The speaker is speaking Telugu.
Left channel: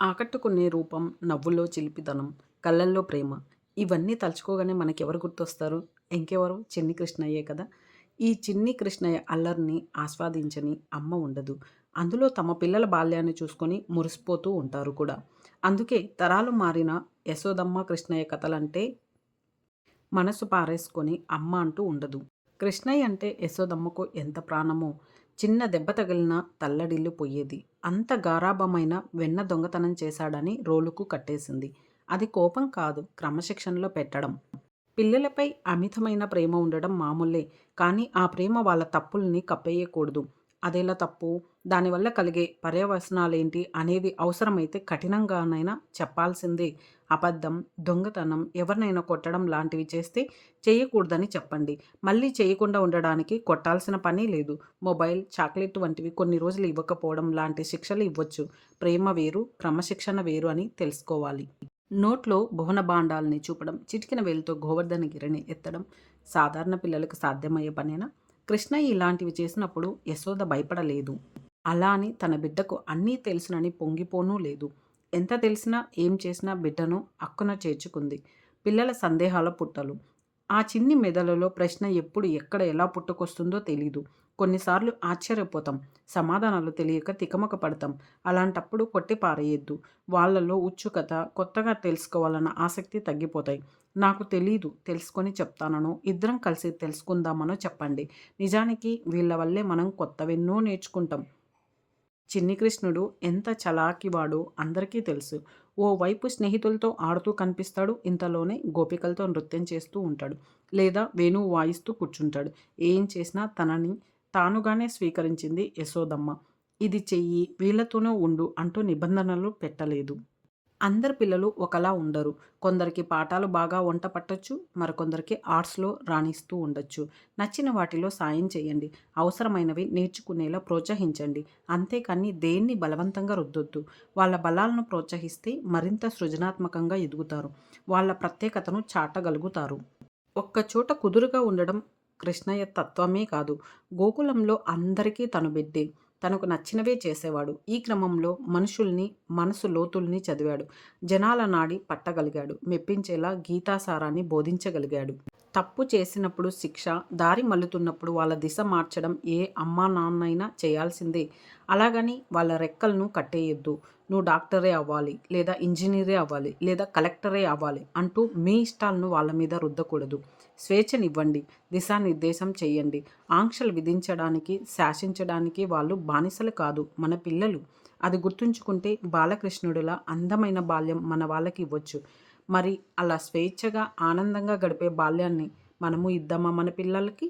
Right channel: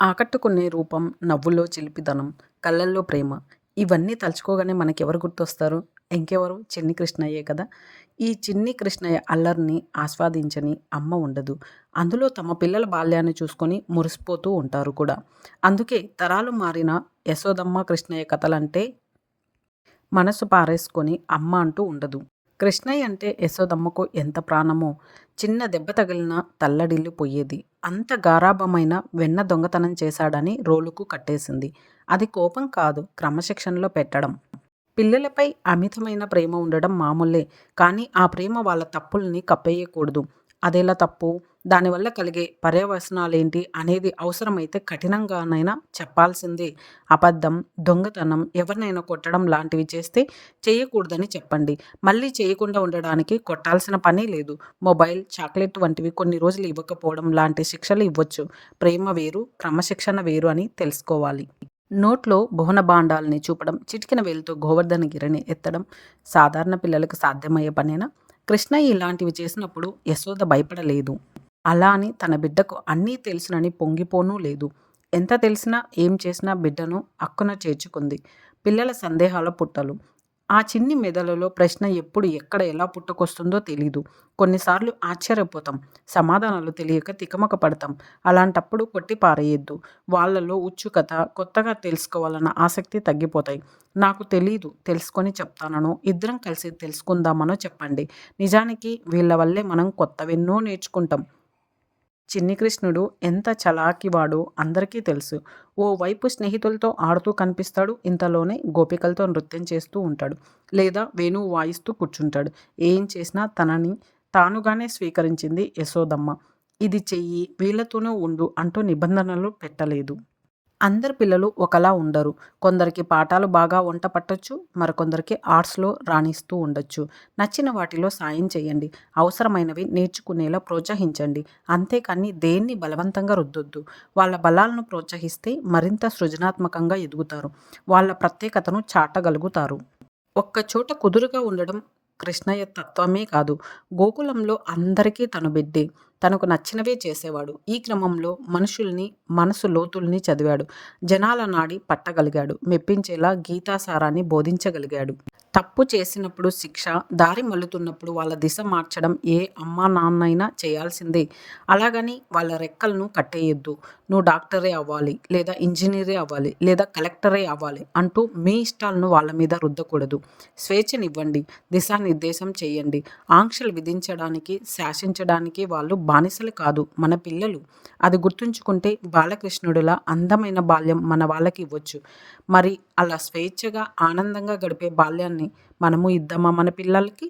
ఆకట్టుకునే రూపం, నవ్వులో చిలిపితనం, కళ్ళల్లో ప్రేమ ఇవన్నీ తలుచుకోగానే మనకెవరు గుర్తొస్తారు? ఇంకెవరు చిన్ని కృష్ణయ్యే కదా! ఈ చిన్ని కృష్ణయ్య అల్లరిని ఆస్వాదించని అమ్మ ఉండదు. అందులో తమ పిల్లల బాల్యాన్ని చూసుకొని మురిసిపోతూ ఉంటారు కూడా. అందుకే తరాలు మారిన యశోదమ్మ, కృష్ణయ్య కథలంటే మనసు పారేసుకొని అమ్మ అంటూ ఉండదు. కృష్ణయ్య అంటే యశోదమ్మకు ఎంత ప్రాణమో చిన్న దెబ్బ తగిలిన తల్లడిల్లు పోయేది. అంత గారాభమైన వెన్న దొంగతనం చేశాడని రోలుకు కట్టేసింది. అది కోపం కాదు క్రమశిక్షణలో పెట్టడం. పిల్లలపై అమితమైన ప్రేమ ఉండడం మామూలే. కానీ ఆ ప్రేమ వాళ్ళ తప్పుల్ని కప్పేయకూడదు. అదేలా తప్పు? దానివల్ల కలిగే పర్యవసనాలేంటి అనేది అవసరమైతే కఠినంగానైనా చెప్పాల్సిందే. అబద్ధం, దొంగతనం, ఎవరినైనా కొట్టడం లాంటివి చేస్తే చేయకూడదని చెప్పండి. మళ్ళీ చేయకుండా ఉండడానికి కొట్టాల్సిన పనే లేదు. మొబైల్, చాక్లెట్ వంటివి కొన్ని రోజులు ఇవ్వకపోవడం లాంటి శిక్షలు ఇవ్వచ్చు ప్రేమ వేరు, క్రమశిక్షణ వేరు అని తెలుసుకోవాలి. నోట్లో భువన భువనభాండాల్ని చూపడం, చిటికిన వేలుతో గోవర్ధన గిరిని ఎత్తడం సాధారణ పిల్లలకు సాధ్యమయ్యే పనేనా? కృష్ణయ్య ఇలాంటివి చేసినప్పుడు యశోద భయపడలేదు. అలా అని తన బిడ్డకు అన్నీ తెలుసునని పొంగిపోనూ లేదు. ఎంత తెలిసినా ఏం చేసినా బిడ్డను అక్కున చేర్చుకుంది. పిల్లల సందేహాల పుట్టలు. ఆ చిన్ని మెదడులో ప్రశ్న ఎప్పుడు ఎక్కడ ఎలా పుట్టుకొస్తుందో తెలీదు. కొన్నిసార్లు ఆశ్చర్యపోతాం. సమాధానాలు తెలియక తికమక పడతాం. అలాంటప్పుడు కొట్టి పారేయొద్దు. వాళ్ళలో ఉత్సుకత, కొత్తగా తెలుసుకోవాలన్న ఆసక్తి తగ్గిపోతాయి. నాకు తెలీదు తెలుసుకొని చెప్తాననో, ఇద్దరం కలిసి తెలుసుకుందామనో చెప్పండి. నిజానికి వీళ్ళ వల్లే మనం కొత్తవెన్నో నేర్చుకుంటాం. చిన్ని కృష్ణుడు ఎంత చలాకివాడో అందరికీ తెలుసు. ఓ వైపు స్నేహితులతో ఆడుతూ కనిపిస్తాడు. ఇంతలోనే గోపికలతో నృత్యం చేస్తూ ఉంటాడు. లేదా వేణువు వాయిస్తూ కూర్చుంటాడు. ఏం చేసినా తనని తానుగానే స్వీకరించింది యశోదమ్మ. ఇది చెయ్యి, వీళ్ళతోనే ఉండు అంటూ నిబంధనలు పెట్టలేదు. అందరి పిల్లలు ఒకలా ఉండరు. కొందరికి పాఠాలు బాగా వంట పట్టొచ్చు. మరికొందరికి ఆర్ట్స్‌లో రాణిస్తూ ఉండొచ్చు. నచ్చిన వాటిలో సాయం చేయండి. అవసరమైనవి నేర్చుకునేలా ప్రోత్సహించండి. అంతేకాని దేన్ని బలవంతంగా రుద్దొద్దు. వాళ్ళ బలాలను ప్రోత్సహిస్తే మరింత సృజనాత్మకంగా ఎదుగుతారు. వాళ్ళ ప్రత్యేకతను చాటగలుగుతారు. ఒక్కచోట కుదురుగా ఉండడం కృష్ణయ్య తత్వమే కాదు. గోకులంలో అందరికీ తను బిడ్డే. తనకు నచ్చినవే చేసేవాడు. ఈ క్రమంలో మనుషుల్ని, మనసు లోతుల్ని చదివాడు. జనాల నాడి పట్టగలిగాడు. మెప్పించేలా గీతాసారాన్ని బోధించగలిగాడు. తప్పు చేసినప్పుడు శిక్ష, దారి మల్లుతున్నప్పుడు వాళ్ళ దిశ మార్చడం ఏ అమ్మానాన్నైనా చేయాల్సిందే. అలాగని వాళ్ళ రెక్కలను కట్టేయొద్దు. నువ్వు డాక్టరే అవ్వాలి, లేదా ఇంజనీరే అవ్వాలి, లేదా కలెక్టరే అవ్వాలి అంటూ మీ ఇష్టాలను వాళ్ళ మీద రుద్దకూడదు. స్వేచ్ఛనివ్వండి. దిశానిర్దేశం చేయండి ఆంక్షలు విధించడానికి, శాసించడానికి వాళ్ళు బానిసలు కాదు మన పిల్లలు. అది గుర్తుంచుకుంటే బాలకృష్ణుడిలా అందమైన బాల్యం మన వాళ్ళకి ఇవ్వచ్చు మరి అలా స్వేచ్ఛగా, ఆనందంగా గడిపే బాల్యాన్ని మనము ఇద్దామా మన పిల్లలకి?